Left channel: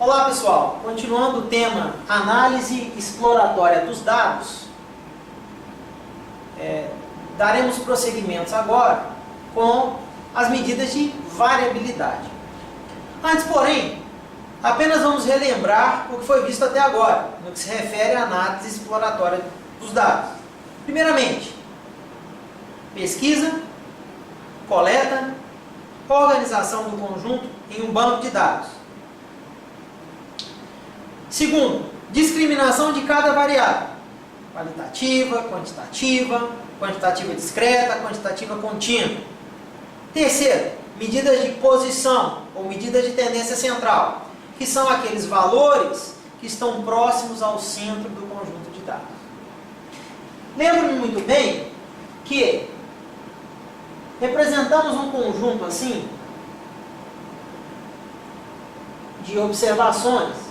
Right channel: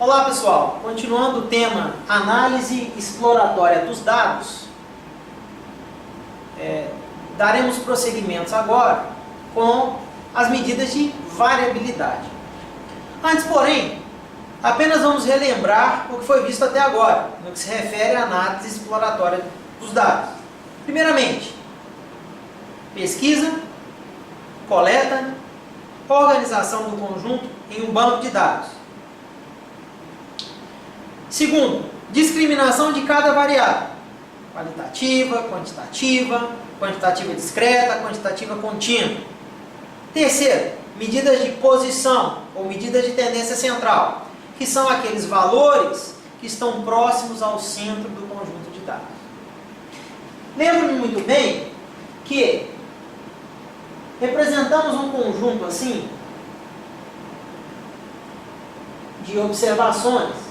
Olá pessoal, continuando o tema análise exploratória dos dados, daremos prosseguimentos agora com as medidas de variabilidade. Antes, porém, apenas vamos relembrar o que foi visto até agora, no que se refere à análise exploratória dos dados. Primeiramente, pesquisa, coleta, organização do conjunto em um banco de dados. Segundo, discriminação de cada variável, qualitativa, quantitativa discreta, quantitativa contínua. Terceiro, medidas de posição ou medidas de tendência central, que são aqueles valores que estão próximos ao centro do conjunto de dados. Lembro-me muito bem que representamos um conjunto assim de observações,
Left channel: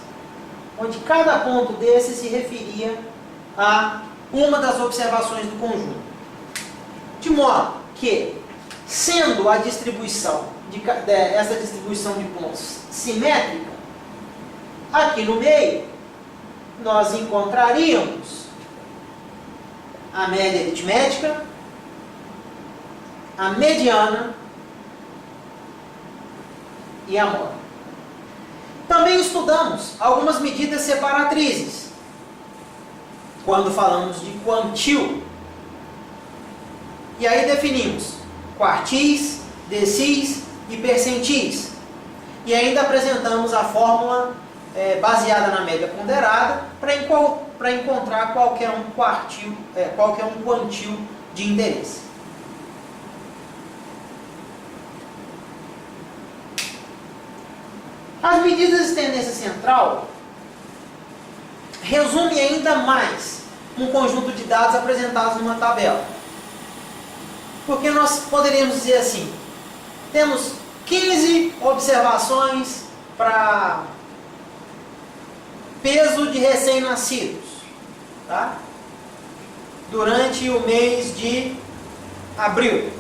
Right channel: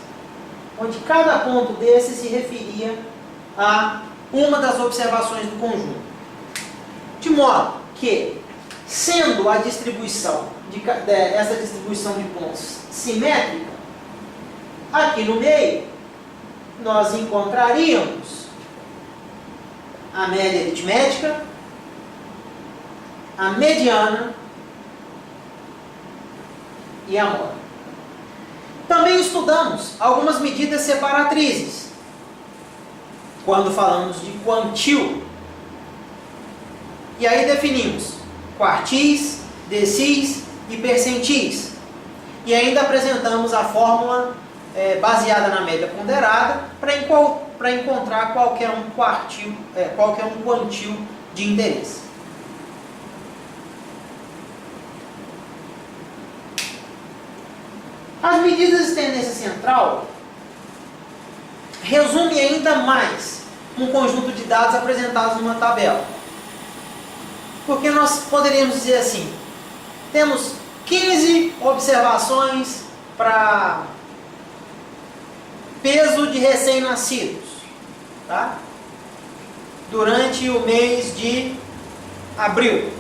onde cada ponto desse se referia a uma das observações do conjunto. De modo que, sendo a distribuição, essa distribuição de pontos simétrica, aqui no meio nós encontraríamos a média aritmética, a mediana e a moda. Também estudamos algumas medidas separatrizes, quando falamos de quantil. E aí definimos quartis, decis e percentis. E ainda apresentamos a fórmula baseada na média ponderada para encontrar qualquer um quantil de interesse. As medidas de tendência central resumem ainda mais um conjunto de dados apresentados numa tabela. Porque nós poderíamos dizer assim, temos 15 observações para peso de recém-nascidos, tá? Durante o mês de abril.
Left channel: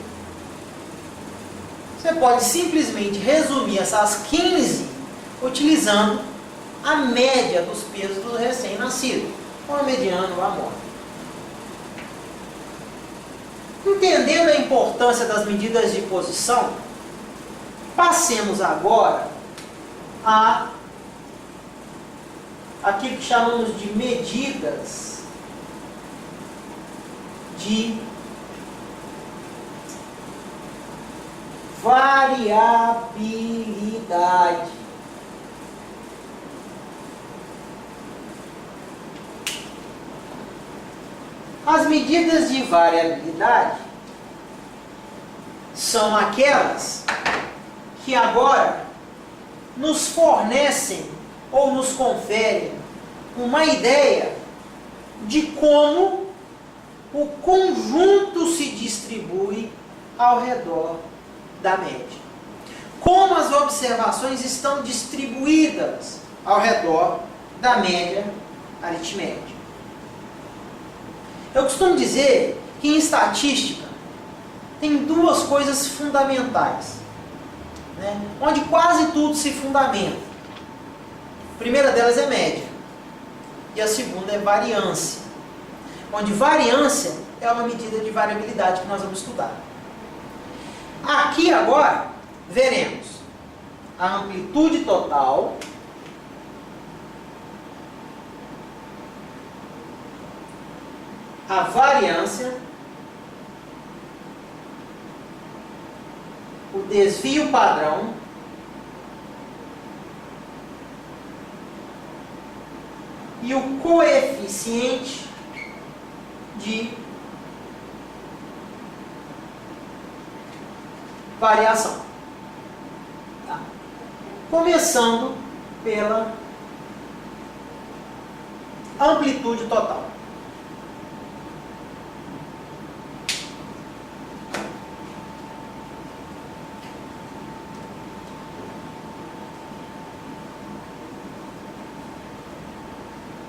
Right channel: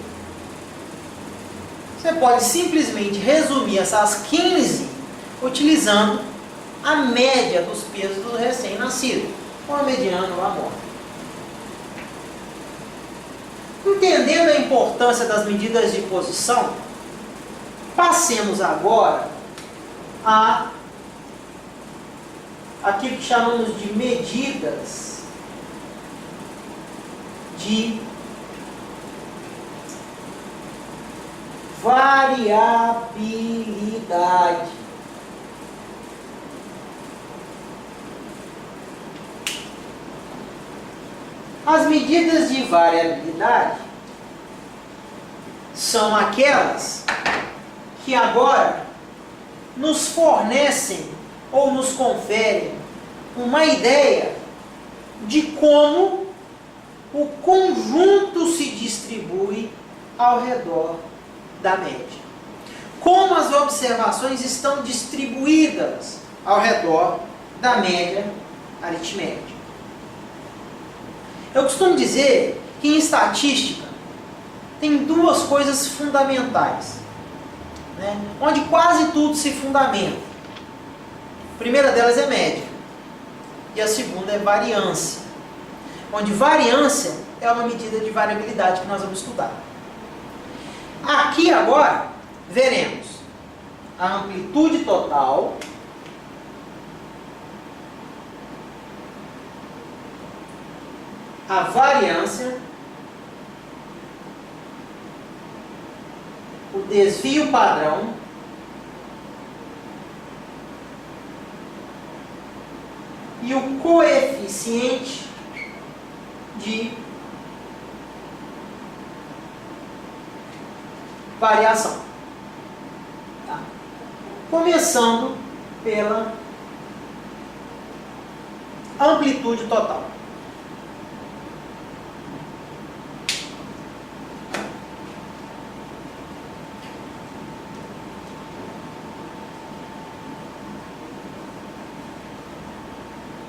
Você pode simplesmente resumir essas 15 utilizando a média dos pesos do recém-nascido, ou a mediana ou a moda. Entendendo a importância das medidas de posição, passemos agora a aquilo que chamamos de medidas de variabilidade. As medidas de variabilidade são aquelas que agora nos fornecem ou nos conferem uma ideia de como o conjunto se distribui ao redor da média. Como as observações estão distribuídas ao redor da média aritmética. Eu costumo dizer que em estatística tem duas coisas fundamentais, né, onde quase tudo se fundamenta. A primeira delas é média e a segunda é variância, onde variância é uma medida de variabilidade que nós vamos estudar. Aqui agora veremos a amplitude total, a variância, o desvio padrão e o coeficiente de variação. Tá? Começando pela amplitude total.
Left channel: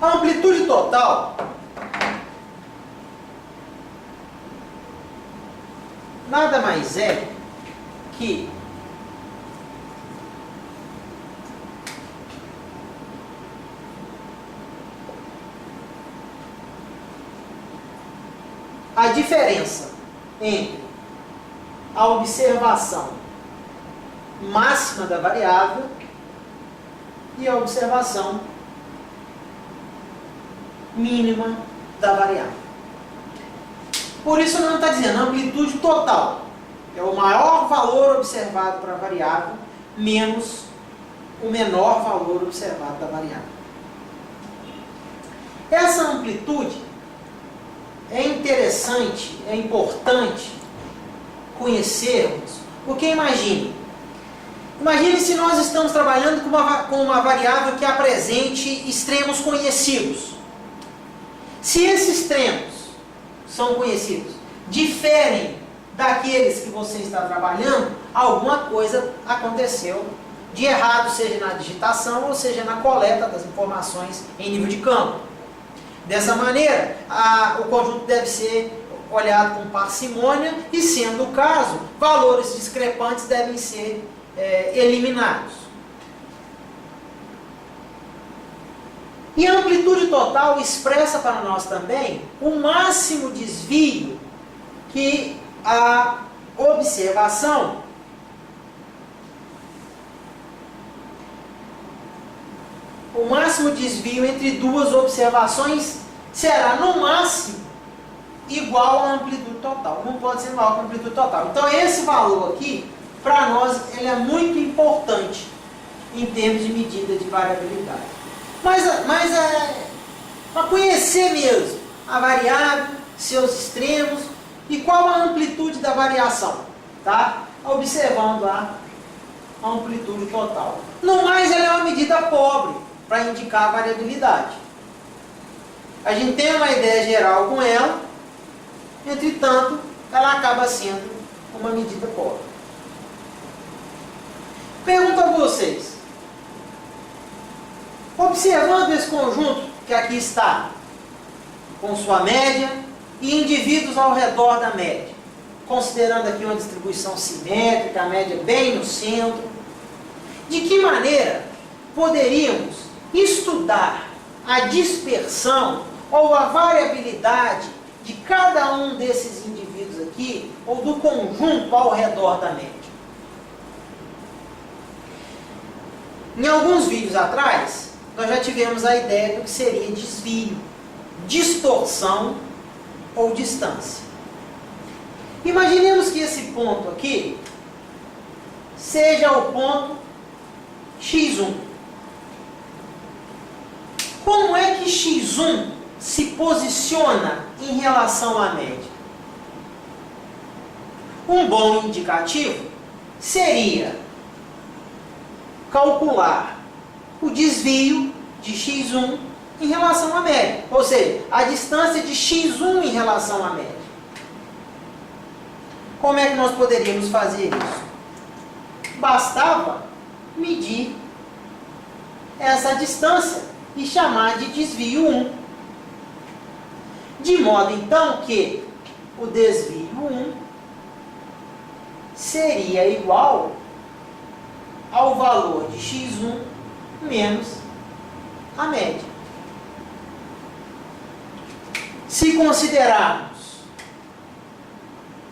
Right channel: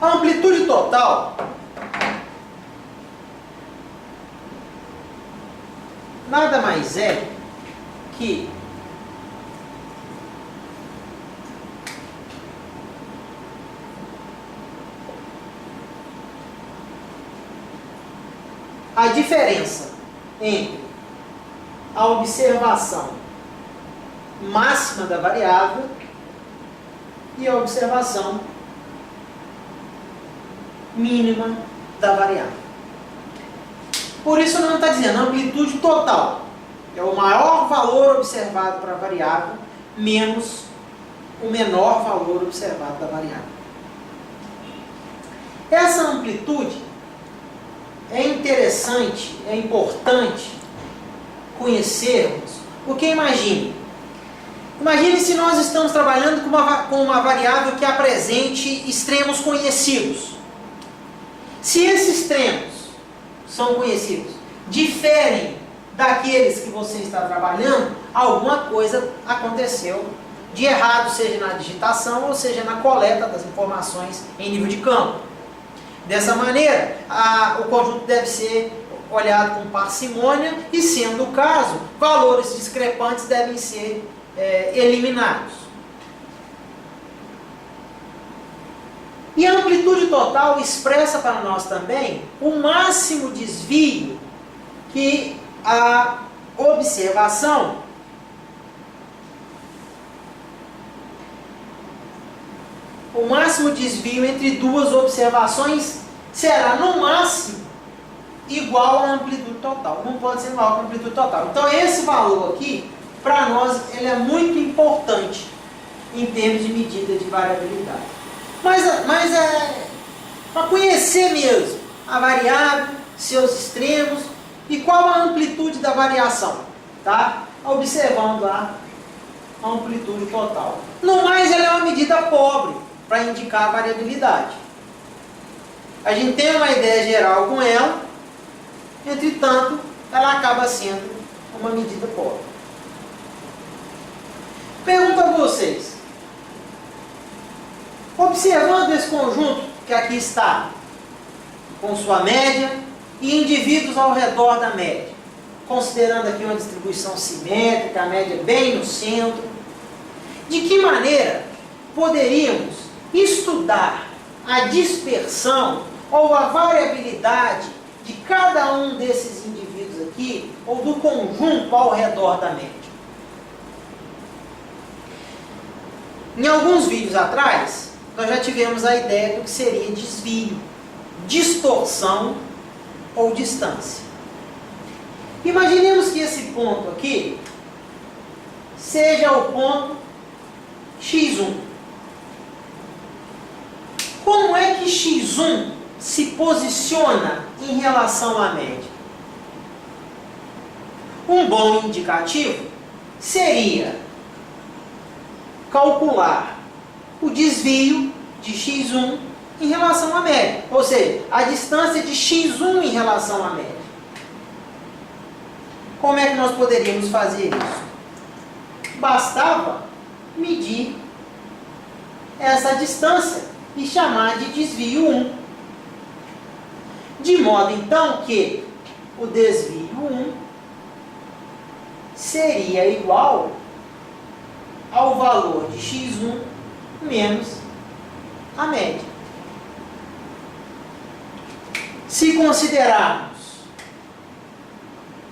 A amplitude total nada mais é que a diferença entre a observação máxima da variável e a observação mínima da variável. Por isso não está dizendo amplitude total. É o maior valor observado para a variável menos o menor valor observado da variável. Essa amplitude é interessante, é importante conhecermos, porque imagine se nós estamos trabalhando com uma variável que apresente extremos conhecidos. Se esses extremos são conhecidos, diferem daqueles que você está trabalhando, alguma coisa aconteceu de errado, seja na digitação ou seja na coleta das informações em nível de campo. Dessa maneira, o conjunto deve ser olhado com parcimônia e, sendo o caso, valores discrepantes devem ser eliminados. E a amplitude total expressa para nós também o máximo desvio que a observação entre duas observações será no máximo igual à amplitude total. Não pode ser maior que a amplitude total. Então esse valor aqui, para nós, ele é muito importante em termos de medida de variabilidade. Mas é para conhecer mesmo a variável, seus extremos e qual a amplitude da variação, tá? Observando a amplitude total. No mais, ela é uma medida pobre para indicar a variabilidade. A gente tem uma ideia geral com ela, entretanto, ela acaba sendo uma medida pobre. Pergunto a vocês, observando esse conjunto que aqui está, com sua média e indivíduos ao redor da média, considerando aqui uma distribuição simétrica, a média bem no centro, de que maneira poderíamos estudar a dispersão ou a variabilidade de cada um desses indivíduos aqui, ou do conjunto ao redor da média? Em alguns vídeos atrás, nós já tivemos a ideia do que seria desvio, distorção ou distância. Imaginemos que esse ponto aqui seja o ponto x1. Como é que x1 se posiciona em relação à média? Um bom indicativo seria calcular o desvio de x1 em relação à média, ou seja, a distância de x1 em relação à média. Como é que nós poderíamos fazer isso? Bastava medir essa distância e chamar de desvio 1. De modo então que o desvio 1 seria igual ao valor de x1 menos a média. Se considerarmos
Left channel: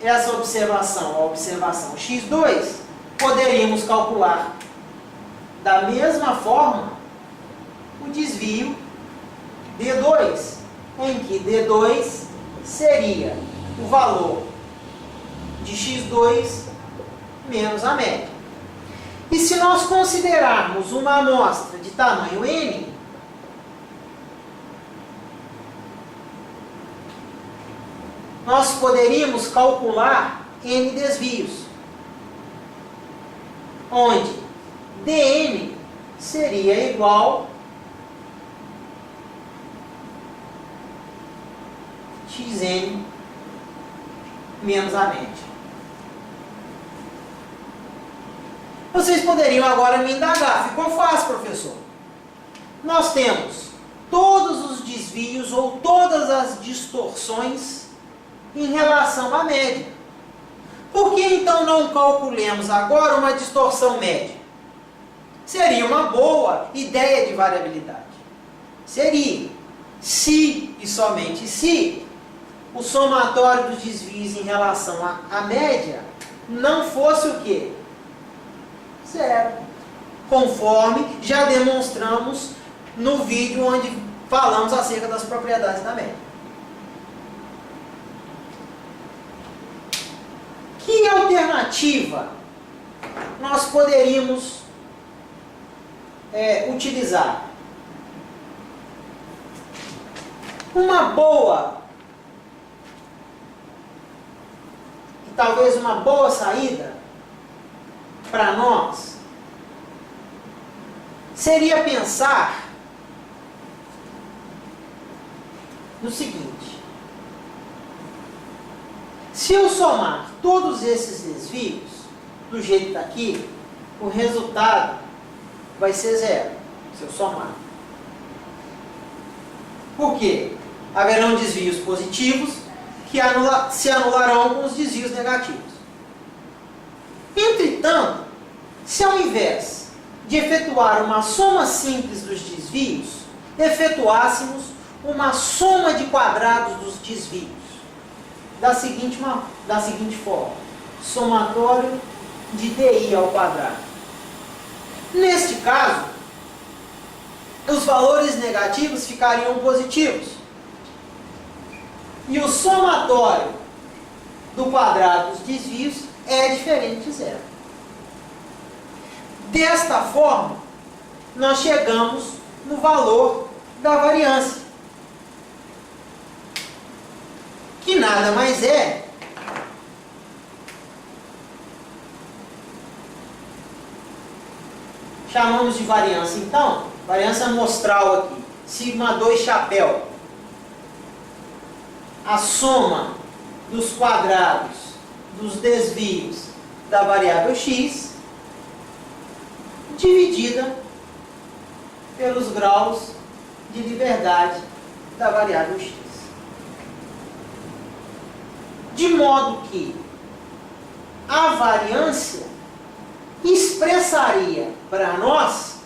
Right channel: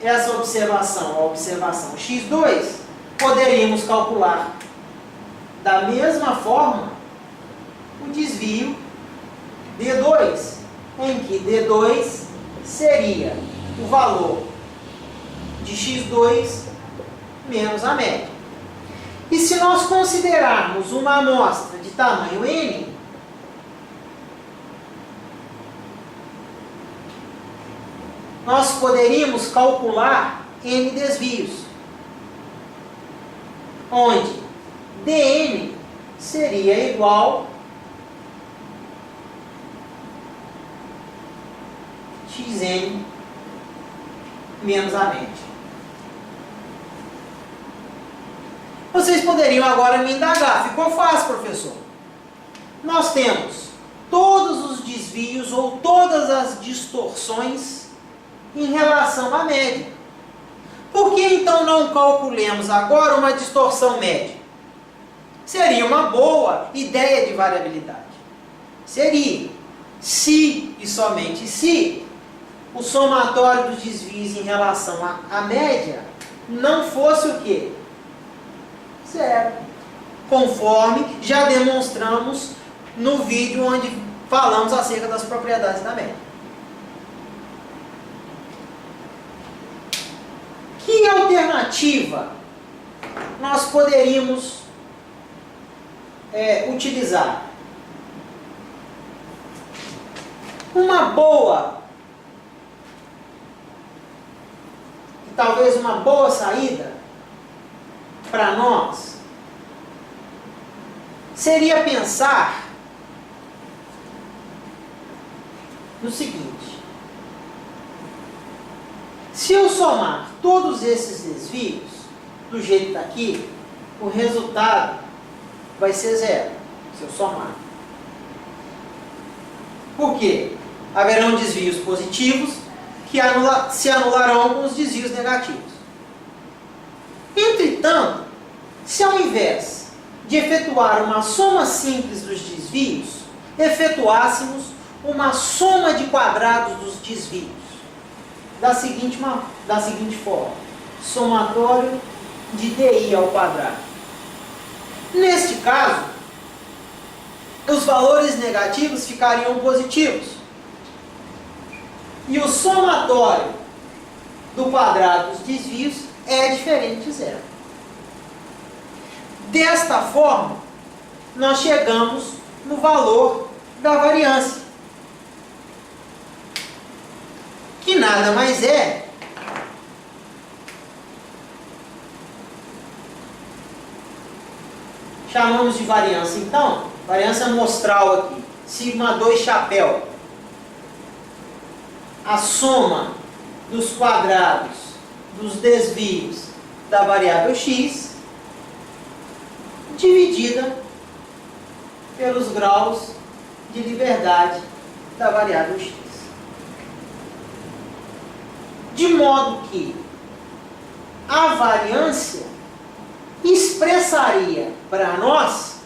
essa observação, a observação x2, poderíamos calcular da mesma forma o desvio d2, em que d2 seria o valor de x2 menos a média. E se nós considerarmos uma amostra de tamanho n, nós poderíamos calcular n desvios, onde dn seria igual xn menos a média. Vocês poderiam agora me indagar, ficou fácil, professor. Nós temos todos os desvios ou todas as distorções em relação à média. Por que então não calculemos agora uma distorção média? Seria uma boa ideia de variabilidade. Seria, se e somente se o somatório dos desvios em relação à média não fosse o quê? Zero. Conforme já demonstramos no vídeo onde falamos acerca das propriedades da média. Que alternativa nós poderíamos utilizar? Uma boa e talvez uma boa saída para nós seria pensar no seguinte: se eu somar todos esses desvios do jeito que está aqui, o resultado vai ser zero, se eu somar. Por quê? Haverão desvios positivos que se anularão com os desvios negativos. Entretanto, se ao invés de efetuar uma soma simples dos desvios, efetuássemos uma soma de quadrados dos desvios, da seguinte forma: somatório de DI ao quadrado. Neste caso, os valores negativos ficariam positivos e o somatório do quadrado dos desvios é diferente de zero. Desta forma, nós chegamos no valor da variância, que nada mais é chamamos de variância, então, variância amostral aqui, sigma 2 chapéu, a soma dos quadrados dos desvios da variável x dividida pelos graus de liberdade da variável x. De modo que a variância expressaria para nós,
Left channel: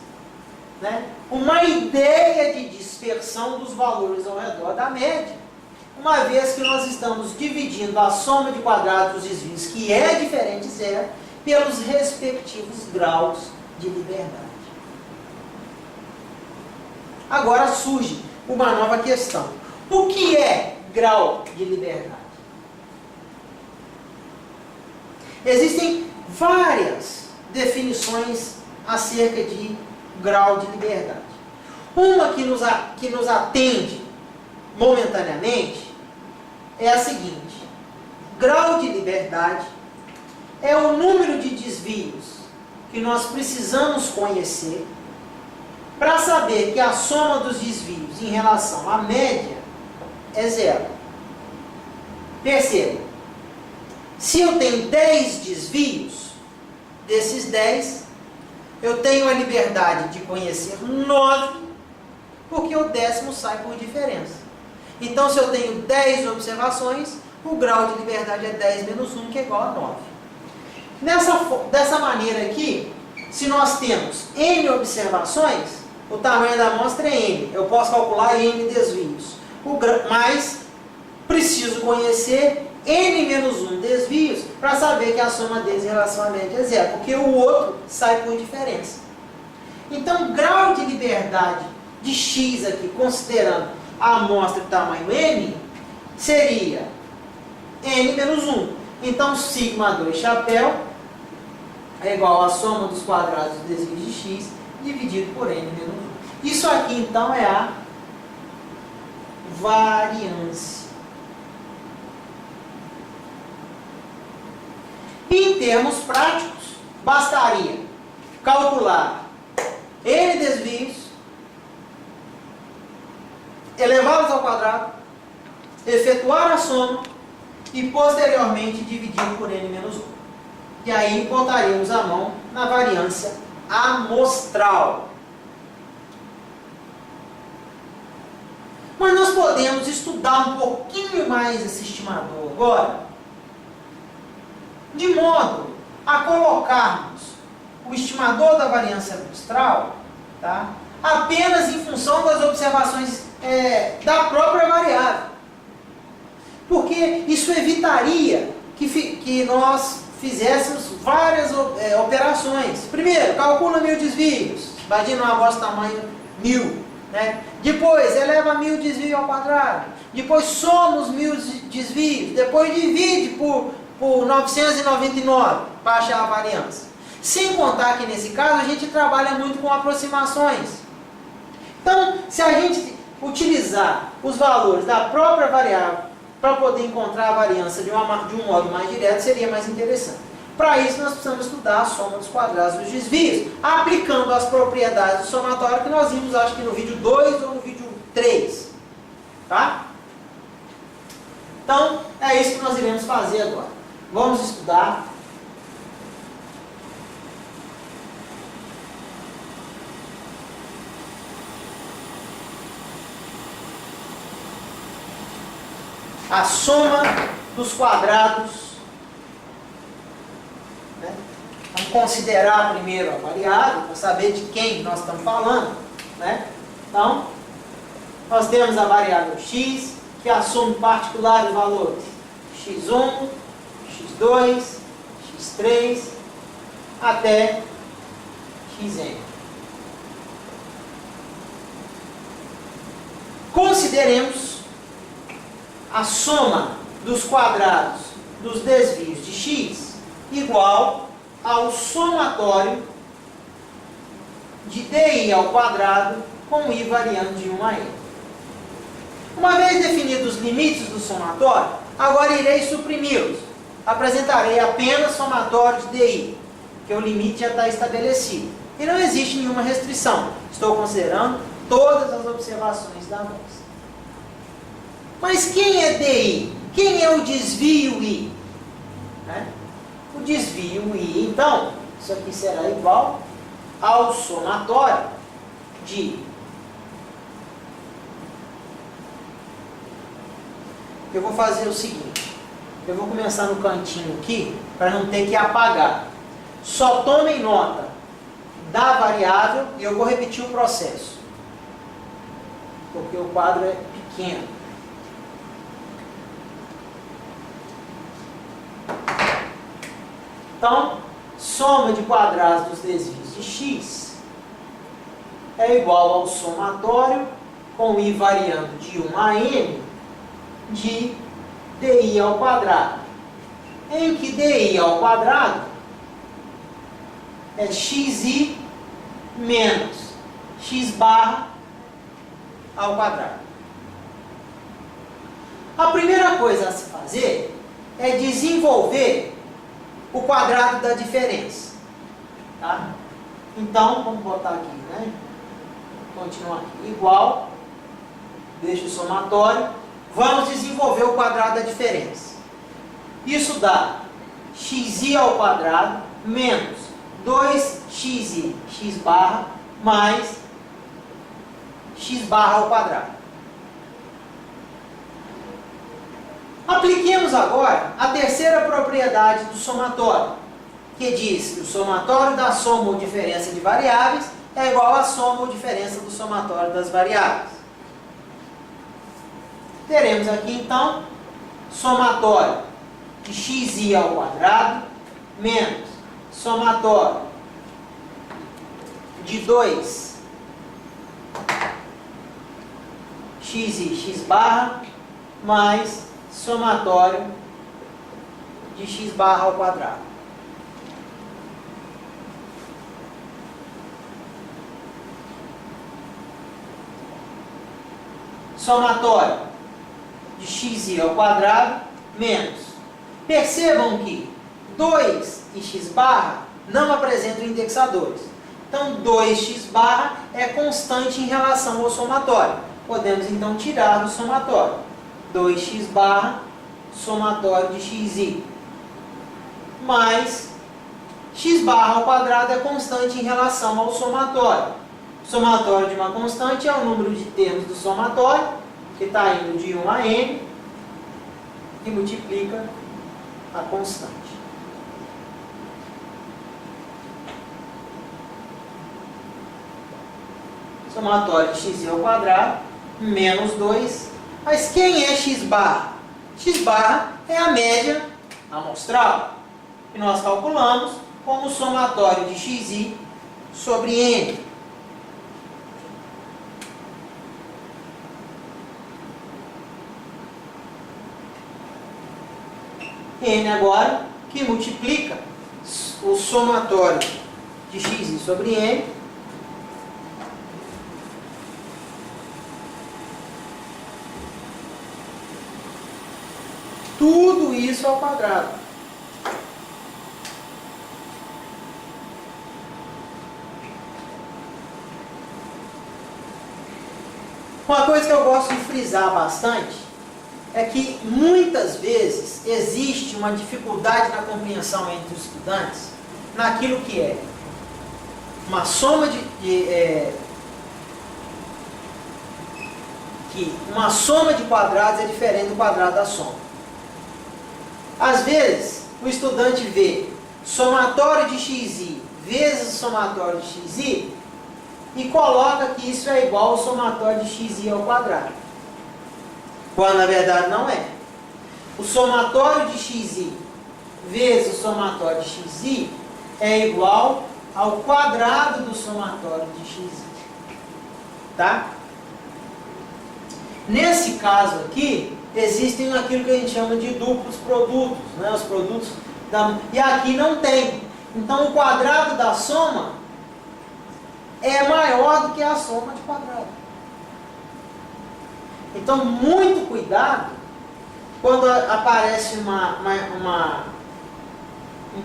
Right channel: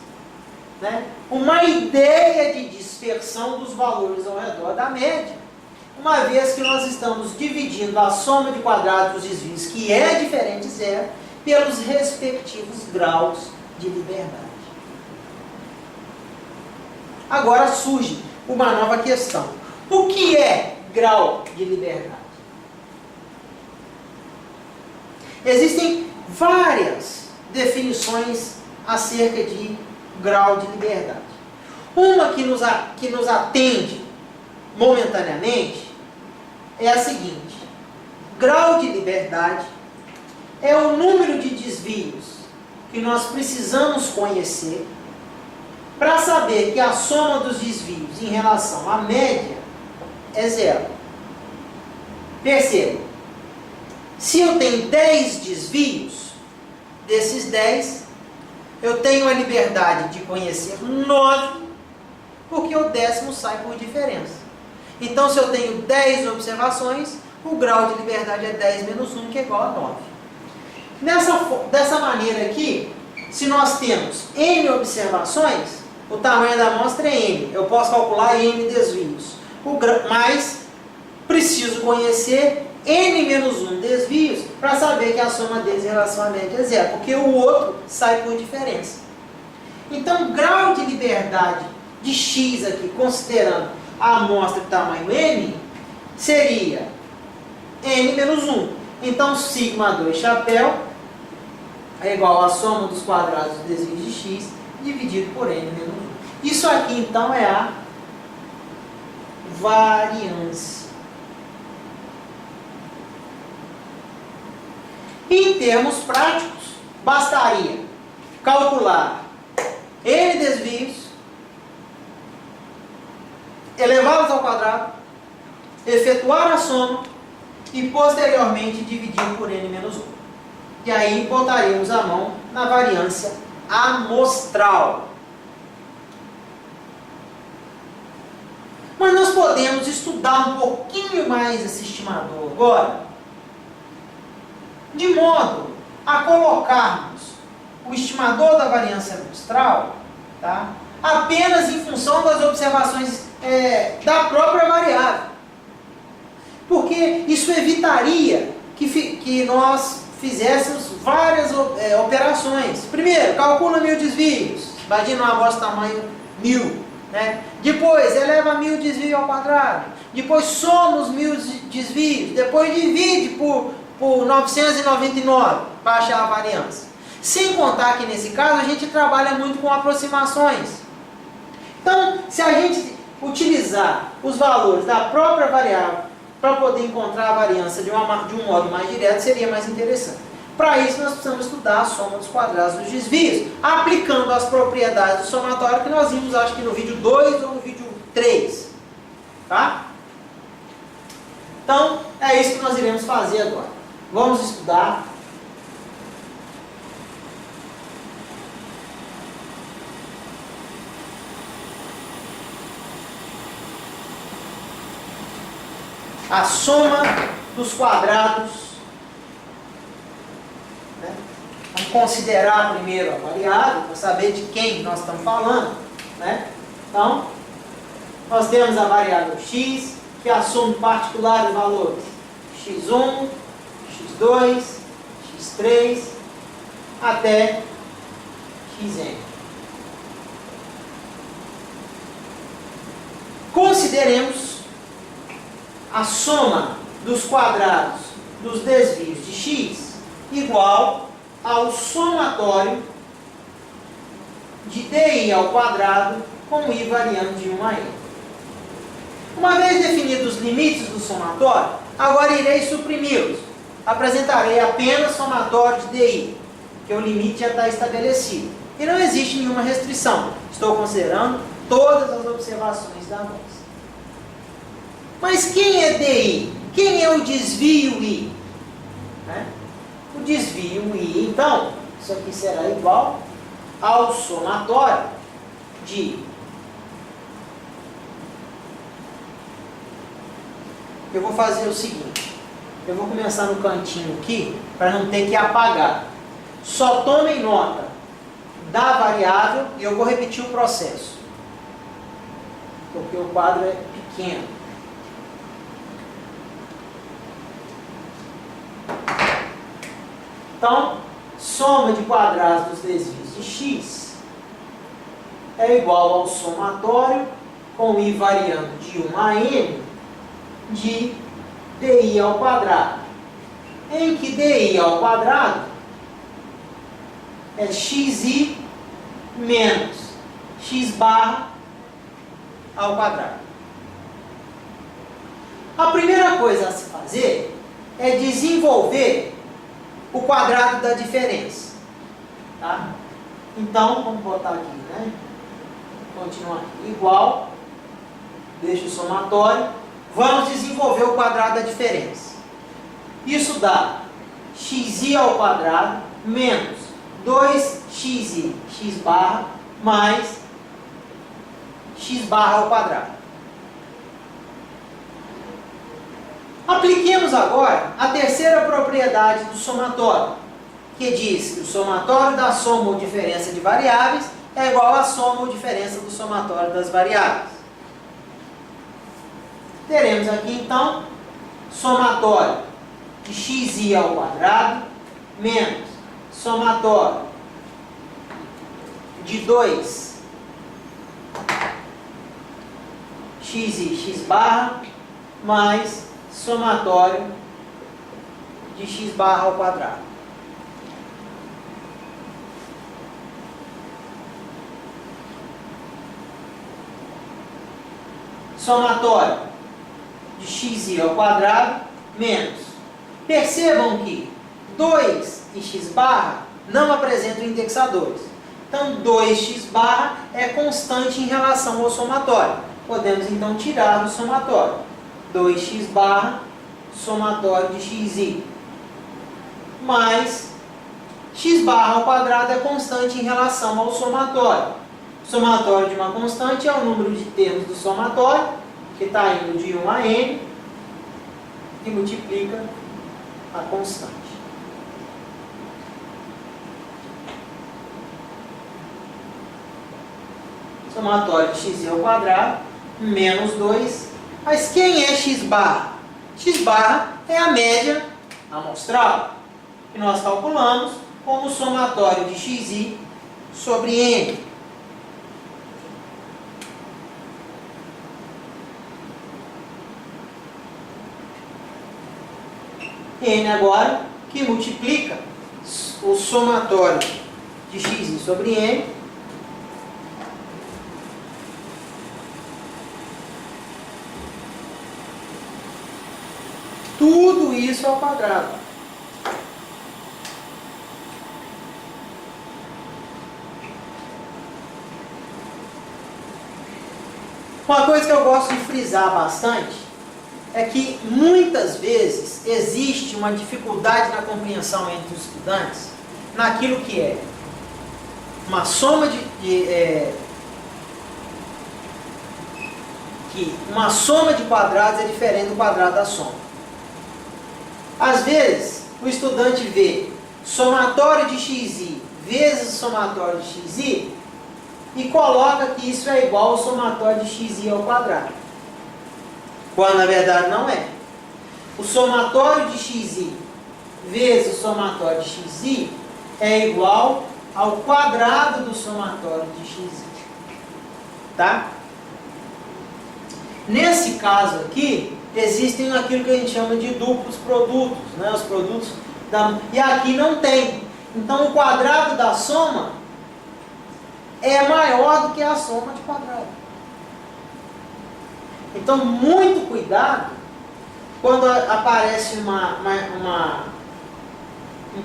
né, uma ideia de dispersão dos valores ao redor da média, uma vez que nós estamos dividindo a soma de quadrados dos desvios, que é diferente de zero, pelos respectivos graus de liberdade. Agora surge uma nova questão: o que é grau de liberdade? Existem várias definições acerca de grau de liberdade. Uma que nos atende momentaneamente é a seguinte: grau de liberdade é o número de desvios que nós precisamos conhecer para saber que a soma dos desvios em relação à média é zero. Perceba, se eu tenho 10 desvios, desses 10, eu tenho a liberdade de conhecer 9, porque o 10º sai por diferença. Então, se eu tenho 10 observações, o grau de liberdade é 10 menos 1, que é igual a 9. Dessa maneira aqui, se nós temos n observações, o tamanho da amostra é n. Eu posso calcular n desvios. Mas preciso conhecer n menos 1 desvios para saber que a soma deles em relação à média é zero, porque o outro sai por diferença. Então, grau de liberdade de x aqui, considerando a amostra de tamanho n, seria n menos 1. Então, sigma 2 chapéu é igual à soma dos quadrados dos desvios de x dividido por n menos 1. Isso aqui, então, é a variância. Em termos práticos, bastaria calcular n desvios, elevá-los ao quadrado, efetuar a soma e posteriormente dividir por n menos 1. E aí botaremos a mão na variância amostral. Mas nós podemos estudar um pouquinho mais esse estimador agora, de modo a colocarmos o estimador da variância amostral, tá, apenas em função das observações da própria variável. Porque isso evitaria que nós fizéssemos várias operações. Primeiro, calcula 1000 desvios. Imagina uma amostra tamanho 1000. Né? Depois, eleva 1000 desvios ao quadrado. Depois, soma os 1000 desvios. Depois, divide por 999 para achar a variância. Sem contar que, nesse caso, a gente trabalha muito com aproximações. Então, se a gente utilizar os valores da própria variável para poder encontrar a variância de um modo mais direto, seria mais interessante. Para isso, nós precisamos estudar a soma dos quadrados dos desvios, aplicando as propriedades do somatório que nós vimos, acho que no vídeo 2 ou no vídeo 3. Tá? Então, é isso que nós iremos fazer agora. Vamos estudar a soma dos quadrados, né? Vamos considerar primeiro a variável, para saber de quem nós estamos falando, né? Então, nós temos a variável x, que assume particular de valores x1, x2, x3, até xn. Consideremos a soma dos quadrados dos desvios de x igual ao somatório de di ao quadrado com i variando de 1 a n. Uma vez definidos os limites do somatório, agora irei suprimi-los. Apresentarei apenas somatório de di, que o limite já está estabelecido. E não existe nenhuma restrição. Estou considerando todas as observações da amostra. Mas quem é DI? Quem é o desvio I? Né? O desvio I, então, isso aqui será igual ao somatório de... Eu vou fazer o seguinte, eu vou começar no cantinho aqui, para não ter que apagar. Só tomem nota da variável e eu vou repetir o processo, porque o quadro é pequeno. Então, soma de quadrados dos desvios de x é igual ao somatório com i variando de 1 a n de di ao quadrado, em que di ao quadrado é xi menos x barra ao quadrado. A primeira coisa a se fazer é desenvolver o quadrado da diferença. Tá? Então, vamos botar aqui, né? Continuar aqui. Igual, deixa o somatório. Vamos desenvolver o quadrado da diferença. Isso dá xi ao quadrado menos 2xi, x barra, mais x barra ao quadrado. Apliquemos agora a terceira propriedade do somatório, que diz que o somatório da soma ou diferença de variáveis é igual à soma ou diferença do somatório das variáveis. Teremos aqui, então, somatório de xi ao quadrado menos somatório de 2xi, x barra, mais somatório de x barra ao quadrado. Somatório de xi ao quadrado menos. Percebam que 2 e x barra não apresentam indexadores. Então, 2x barra é constante em relação ao somatório. Podemos, então, tirar do somatório. 2x barra, somatório de xi, mais x barra ao quadrado é constante em relação ao somatório. Somatório de uma constante é o número de termos do somatório, que está indo de 1 a n, que multiplica a constante. Somatório de x ao quadrado, menos 2. Mas quem é x barra? X barra é a média amostral, que nós calculamos como somatório de xi sobre n. N agora que multiplica o somatório de xi sobre n tudo isso ao quadrado. Uma coisa que eu gosto de frisar bastante é que muitas vezes existe uma dificuldade na compreensão entre os estudantes naquilo que é uma soma que uma soma de quadrados é diferente do quadrado da soma. Às vezes, o estudante vê somatório de xi vezes o somatório de xi e coloca que isso é igual ao somatório de xi ao quadrado. Quando na verdade não é. O somatório de xi vezes o somatório de xi é igual ao quadrado do somatório de xi. Tá? Nesse caso aqui, existem aquilo que a gente chama de duplos produtos, né? Os produtos e aqui não tem. Então o quadrado da soma é maior do que a soma de quadrado. Então muito cuidado quando aparece um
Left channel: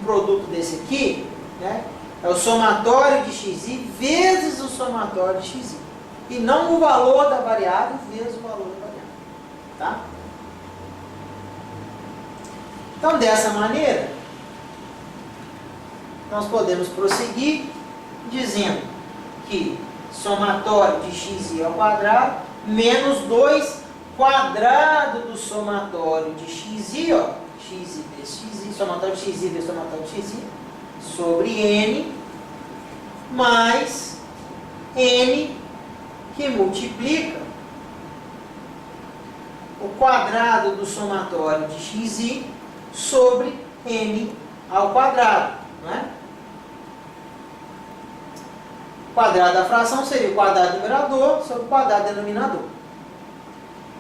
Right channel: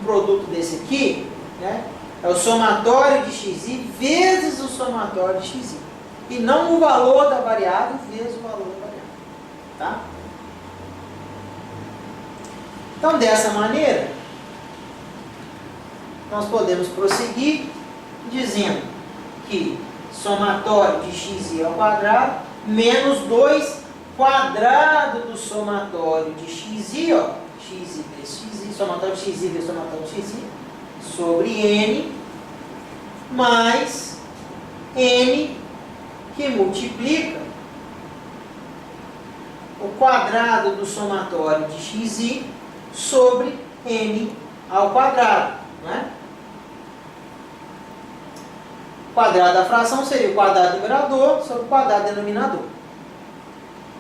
produto desse aqui, né? É o somatório de xi vezes o somatório de xi. E não o valor da variável vezes o valor da variável. Tá? Então, dessa maneira, nós podemos prosseguir dizendo que somatório de xi ao quadrado menos 2 quadrado do somatório de xi, ó, xi vezes xi, somatório de xi vezes somatório de xi, sobre n, mais n que multiplica o quadrado do somatório de xi sobre n ao quadrado, né? O quadrado da fração seria o quadrado do numerador sobre o quadrado do denominador.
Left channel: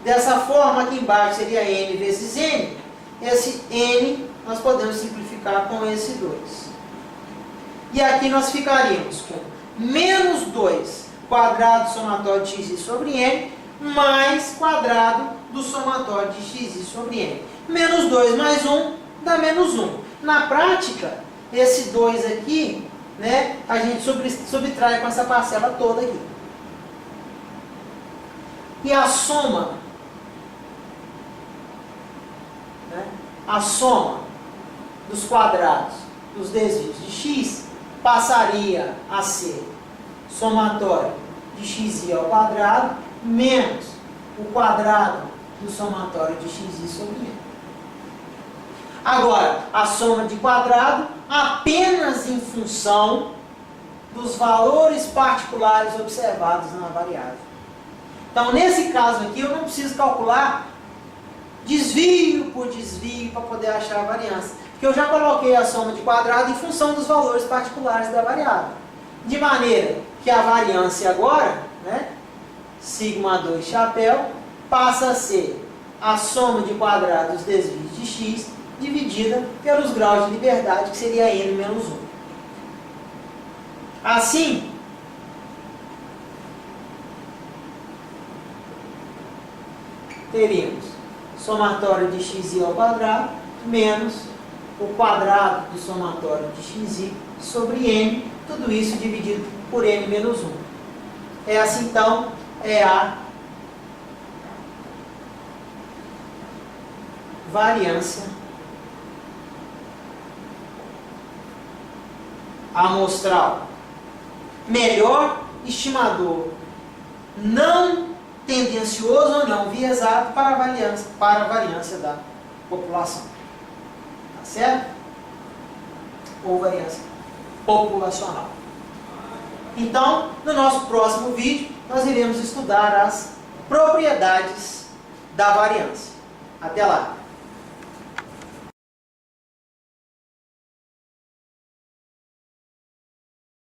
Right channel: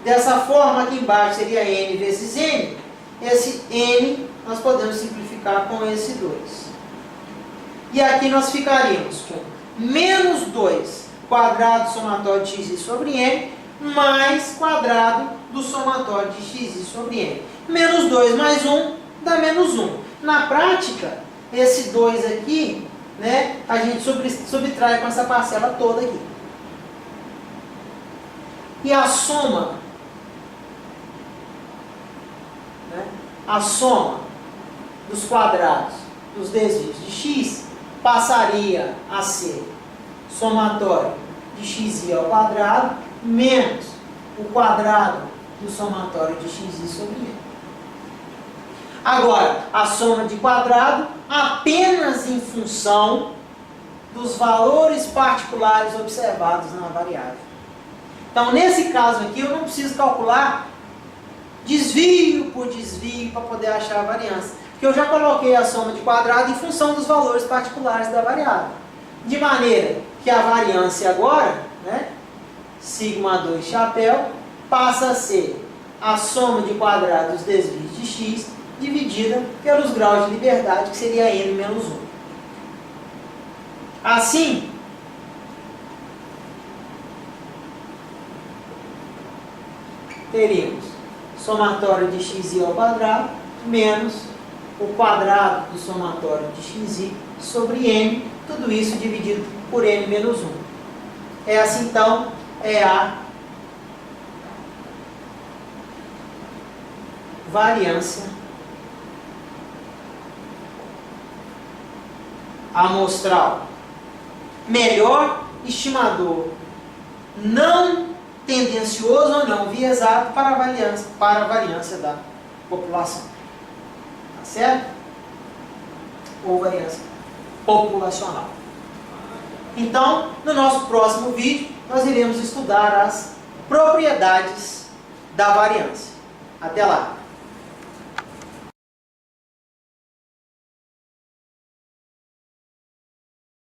Dessa forma, aqui embaixo seria n vezes n. Esse n nós podemos simplificar com esse 2. E aqui nós ficaríamos com menos 2 quadrado do somatório de xi sobre n mais quadrado do somatório de xi sobre n. Menos 2 mais 1 dá menos 1. Na prática, esse 2 aqui, né, a gente subtrai com essa parcela toda aqui. E a soma, né, a soma dos quadrados dos desvios de x passaria a ser somatório de xi ao quadrado menos o quadrado do somatório de xi sobre n. Agora, a soma de quadrado apenas em função dos valores particulares observados na variável. Então, nesse caso aqui, eu não preciso calcular desvio por desvio para poder achar a variância. Porque eu já coloquei a soma de quadrado em função dos valores particulares da variável. De maneira que a variância agora, né, sigma 2 chapéu, passa a ser a soma de quadrados dos desvios de x dividida pelos graus de liberdade, que seria n menos 1. Assim, teríamos somatório de xi ao quadrado menos o quadrado do somatório de xi sobre n, tudo isso dividido por n menos 1. Essa, então, é a variância amostral. Melhor estimador não tendencioso ou não viesado para a variância da população. Tá certo? Ou variância populacional. Então, no nosso próximo vídeo, nós iremos estudar as propriedades da variância. Até lá!